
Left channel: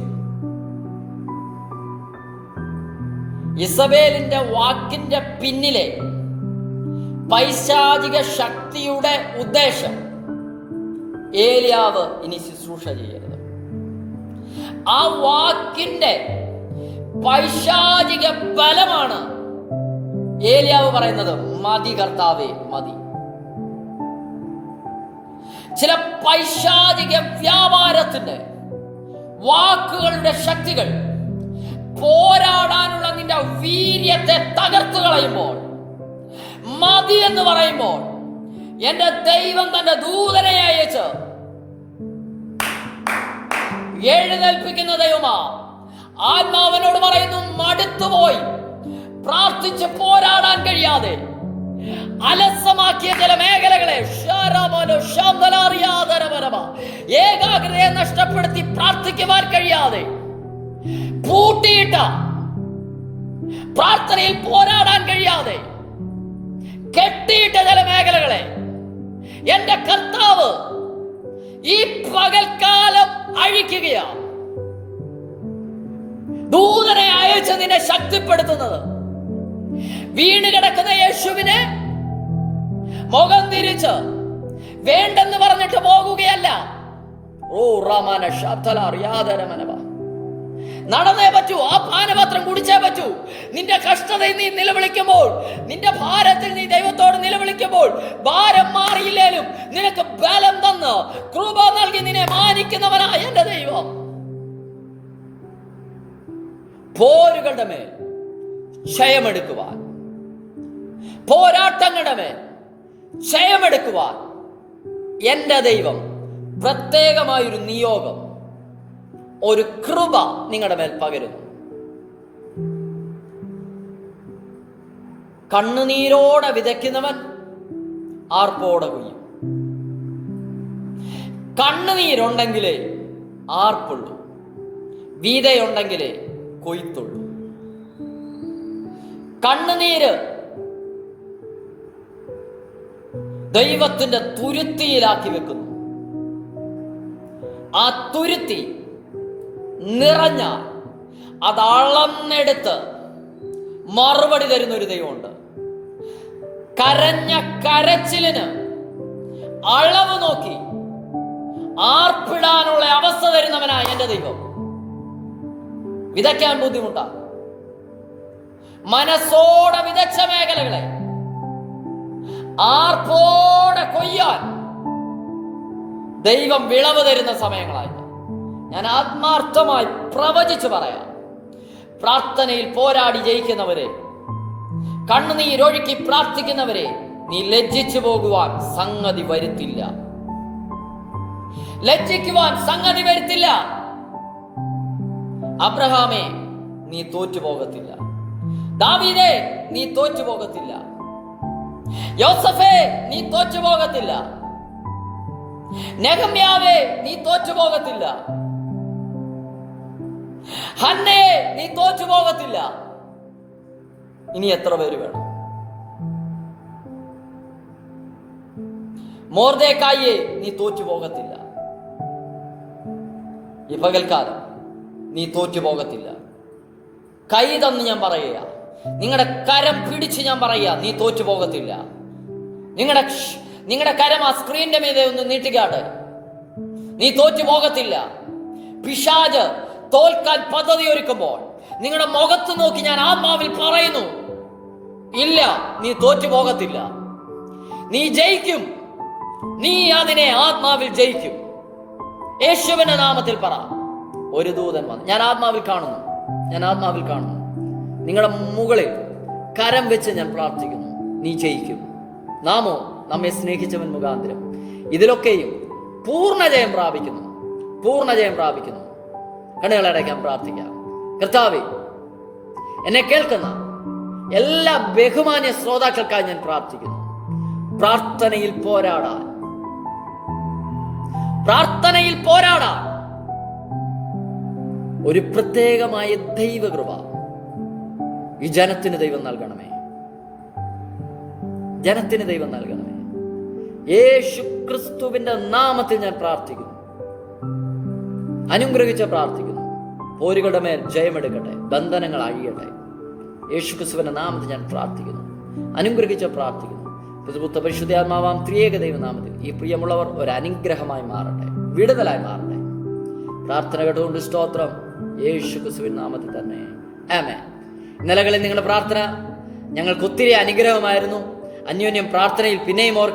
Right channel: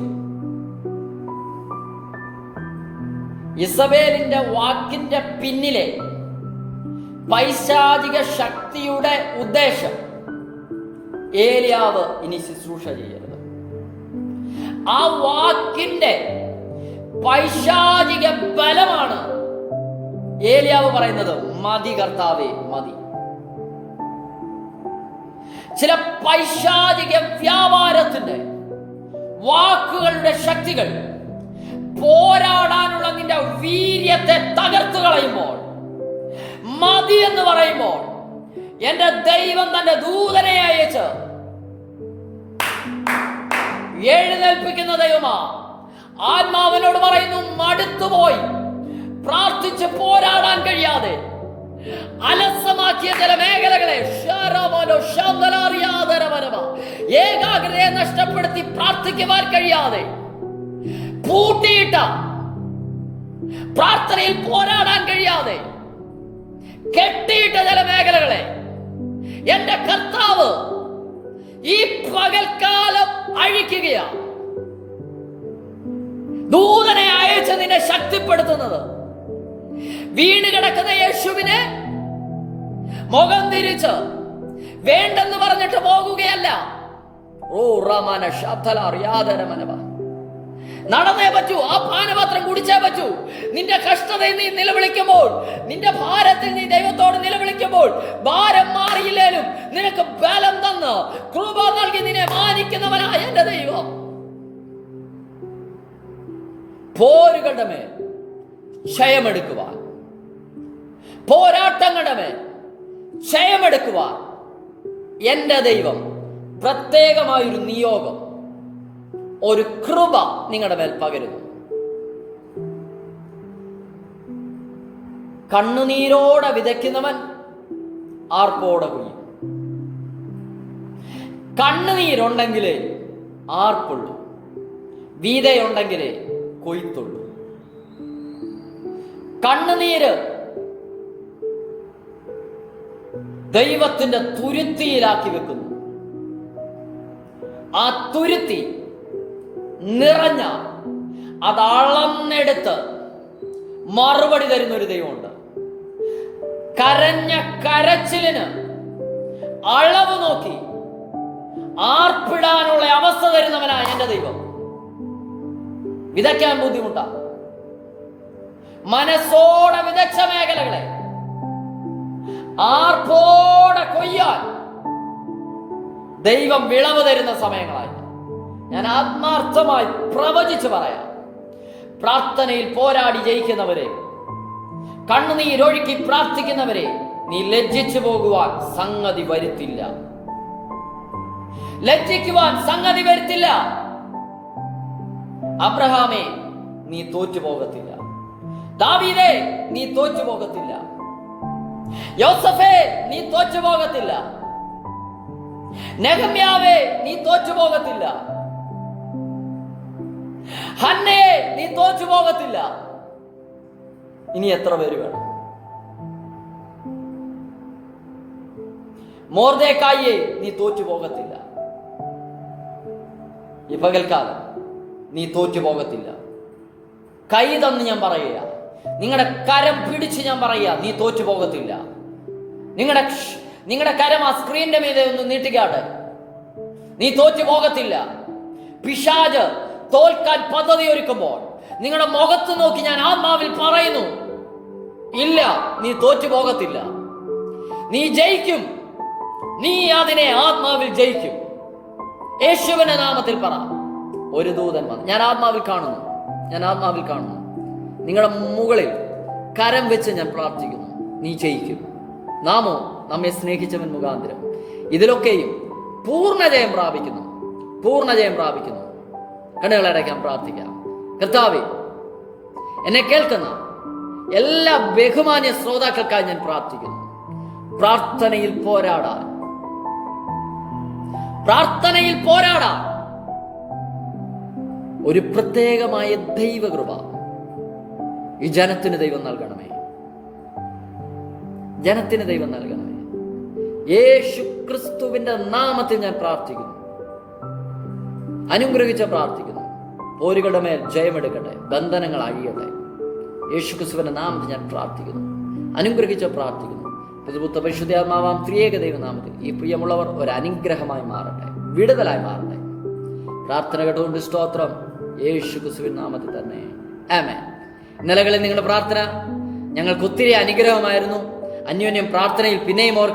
ഇസബേലിന്റെ വാക്കിന്റെ പിന്നിലെ പൈശാചിക ശക്തിയുടെ ഉദ്ദേശം, ഏലിയാവ് ഇനി ശുശ്രൂഷ ചെയ്യരുത്. ആ വാക്കിന്റെ പൈശാചിക ബലമാണ് ഏലിയാവ് പറയുന്നത്, മതി കർത്താവേ മതി. ചില പൈശാചിക വ്യാപാരത്തിന്റെ വാക്കുകളുടെ ശക്തികൾ പോരാടാനുള്ള നിന്റെ വീര്യത്തെ തകർത്തു കളയുമ്പോൾ, മതി എന്ന് പറയുമ്പോൾ, എന്റെ ദൈവം തന്റെ ദൂതനെ അയച്ച് എഴുന്നേൽപ്പിക്കുന്ന ദൈവമാ. ആത്മാവനോട് പറയുന്നു, മടുത്തുപോയി പ്രാർത്ഥിച്ച് പോരാടാൻ കഴിയാതെ അലസമാക്കിയ ചില മേഖലകളെ ഏകാഗ്രതയെ നഷ്ടപ്പെടുത്തി പ്രാർത്ഥിക്കുവാൻ കഴിയാതെ പൂട്ടിയിട്ട, പ്രാർത്ഥനയിൽ പോരാടാൻ കഴിയാതെ കെട്ടിയിട്ട ചില മേഖലകളെ എന്റെ കർത്താവ് ഈ പകൽക്കാലം അഴിക്കുകയാണ്. ദൂതനെ അയച്ച് നിന്നെ ശക്തിപ്പെടുത്തുന്നത്, വീണ് കിടക്കുന്ന യേശുവിനെ മുഖം തിരിച്ച് വേണ്ടെന്ന് പറഞ്ഞിട്ട് പോകുകയല്ല. ഓ റമന ശബ്ദല അറിയാതരമനവ, നടന്നേ പറ്റൂ, ആ പാനപാത്രം കുടിച്ചേ പറ്റൂ. നിന്റെ കഷ്ടതയിൽ നീ നിലവിളിക്കുമ്പോൾ, നിന്റെ ഭാരത്തിൽ നീ ദൈവത്തോട് നിലവിളിക്കുമ്പോൾ, ഭാരം മാറിയില്ലേലും നിനക്ക് ബലം തന്ന് കൃപ നൽകി നിന്നെ മാനിക്കുന്നവനായ എന്റെ ദൈവം. പോരുകളുടെ മേൽ ക്ഷയമെടുക്കുവാൻ, പോരാട്ടങ്ങളുടെ മേൽ ക്ഷയമെടുക്കുവാൻ എന്റെ ദൈവം പ്രത്യേകമായൊരു നിയോഗം, ഒരു കൃപ നിങ്ങളുടെ മേൽ പകരുന്നു. കണ്ണുനീരോടെ വിതയ്ക്കുന്നവൻ ആർപ്പോടെ കൊയ്യും. കണ്ണുനീരുണ്ടെങ്കിലേ ആർക്കുള്ളൂ, വീതയുണ്ടെങ്കിലേ കൊയ്ത്തുള്ളൂ. കണ്ണുനീര് ദൈവത്തിന്റെ തുരുത്തിയിലാക്കി വെക്കുന്നു. ആ തുരുത്തി നിറഞ്ഞ അത് അളന്നെടുത്ത് മറുപടി തരുന്ന ഒരു ദൈവമുണ്ട്. കരഞ്ഞ കരച്ചിലിന് അളവ് നോക്കി ആർപ്പിടാനുള്ള അവസ്ഥ തരുന്നവനായ എന്റെ ദൈവം. വിതയ്ക്കാൻ ബുദ്ധിമുട്ടാണ്. മനസ്സോടെ വിതച്ച മേഖലകളെ ആർപ്പോടെ കൊയ്യാൻ ദൈവം വിളവ് തരുന്ന സമയങ്ങളായിട്ട് ഞാൻ ആത്മാർത്ഥമായി പ്രവചിച്ചു പറയാം. പ്രാർത്ഥനയിൽ പോരാടി ജയിക്കുന്നവരെ, കണ്ണുനീരൊഴുക്കി പ്രാർത്ഥിക്കുന്നവരെ, നീ ലജ്ജിച്ചു പോകുവാൻ സംഗതി വരുത്തില്ല. ലജ്ജിക്കുവാൻ സംഗതി വരുത്തില്ല. അബ്രഹാമേ, നീ തോറ്റു പോകത്തില്ല. ദാവീദേ, നീ തോറ്റു പോകത്തില്ല. യോസഫേ, നീ തോറ്റു പോകത്തില്ല. നെഹമ്യാവേ, നീ തോറ്റു പോകത്തില്ല. ഹന്നേ, നീ തോറ്റു പോകത്തില്ല. ഇനി എത്ര പേര് വേണം? മൊർദെഖായിയെ, നീ തോറ്റു പോകത്തില്ല. ഈ പകൽക്കാലം നീ തോറ്റു പോകത്തില്ല. കൈ തന്ന് ഞാൻ പറയുക, നിങ്ങളുടെ കരം പിടിച്ച് ഞാൻ പറയുക, നീ തോറ്റു പോകത്തില്ല. നിങ്ങളുടെ കരം ആ സ്ക്രീനിന്റെ മീതെ ഒന്ന് നീട്ടുകയാണ്. നീ തോറ്റു പോകത്തില്ല. പിശാച് തോൽക്കാൻ പദ്ധതി ഒരുക്കുമ്പോൾ നിങ്ങളുടെ മുഖത്ത് നോക്കി ഞാൻ ആത്മാവിൽ പറയുന്നു, ഇല്ല, നീ തോറ്റു പോകത്തില്ല. നീ ജയിക്കും. നീ അതിനെ ആത്മാവിൽ ജയിക്കും. യേശുവിന്റെ നാമത്തിൽ പറ. ഒരു ദൂതൻ വന്നു. ഞാൻ ആത്മാവിൽ കാണുന്നു. നിങ്ങളുടെ മുകളിൽ കരം വെച്ച് ഞാൻ പ്രാർത്ഥിക്കുന്നു. നീ ജയിക്കും. നാമോ നമ്മെ സ്നേഹിച്ചവൻ മുഖാന്തരം ഇതിലൊക്കെയും പൂർണ്ണജയം പ്രാപിക്കുന്നു. കണ്ണുകളടയ്ക്കാൻ പ്രാർത്ഥിക്കാം. കർത്താവേ, എന്നെ കേൾക്കുന്ന എല്ലാ ബഹുമാന്യ ശ്രോതാക്കൾക്കായി ഞാൻ പ്രാർത്ഥിക്കുന്നു. പ്രാർത്ഥനയിൽ പോരാടാൻ ഒരു പ്രത്യേകമായ ദൈവകൃപ ഈ ജനത്തിന് ദൈവം നൽകണമേ. യേശു ക്രിസ്തുവിന്റെ നാമത്തിൽ ഞാൻ പ്രാർത്ഥിക്കുന്നു. അനുഗ്രഹിച്ച് പ്രാർത്ഥിക്കുന്നു. പോരുകളുടെ മേൽ ജയമെടുക്കട്ടെ. ബന്ധനങ്ങൾ അഴിയട്ടെ. യേശു ക്രിസ്തുവിന്റെ നാമത്തിൽ ഞാൻ പ്രാർത്ഥിക്കുന്നു. അനുഗ്രഹിച്ച് പ്രാർത്ഥിക്കുന്നു. പുതുപുത്ത പരിശുദ്ധാത്മാവാം ത്രിയേക ദൈവനാമത്തിൽ ഈ പ്രിയമുള്ളവർ ഒരു അനുഗ്രഹമായി മാറട്ടെ, വിടുതലായി മാറട്ടെ. പ്രാർത്ഥന കേട്ടുകൊണ്ട് സ്തോത്രം. യേശു ക്രിസ്തുവിൻ നാമത്തിൽ തന്നെ ആമേൻ. ഇന്നലകളിൽ നിങ്ങളുടെ പ്രാർത്ഥന ഞങ്ങൾക്ക് ഒത്തിരി അനുഗ്രഹമായിരുന്നു. അന്യോന്യം പ്രാർത്ഥനയിൽ പിന്നെയും ഓർക്കാം.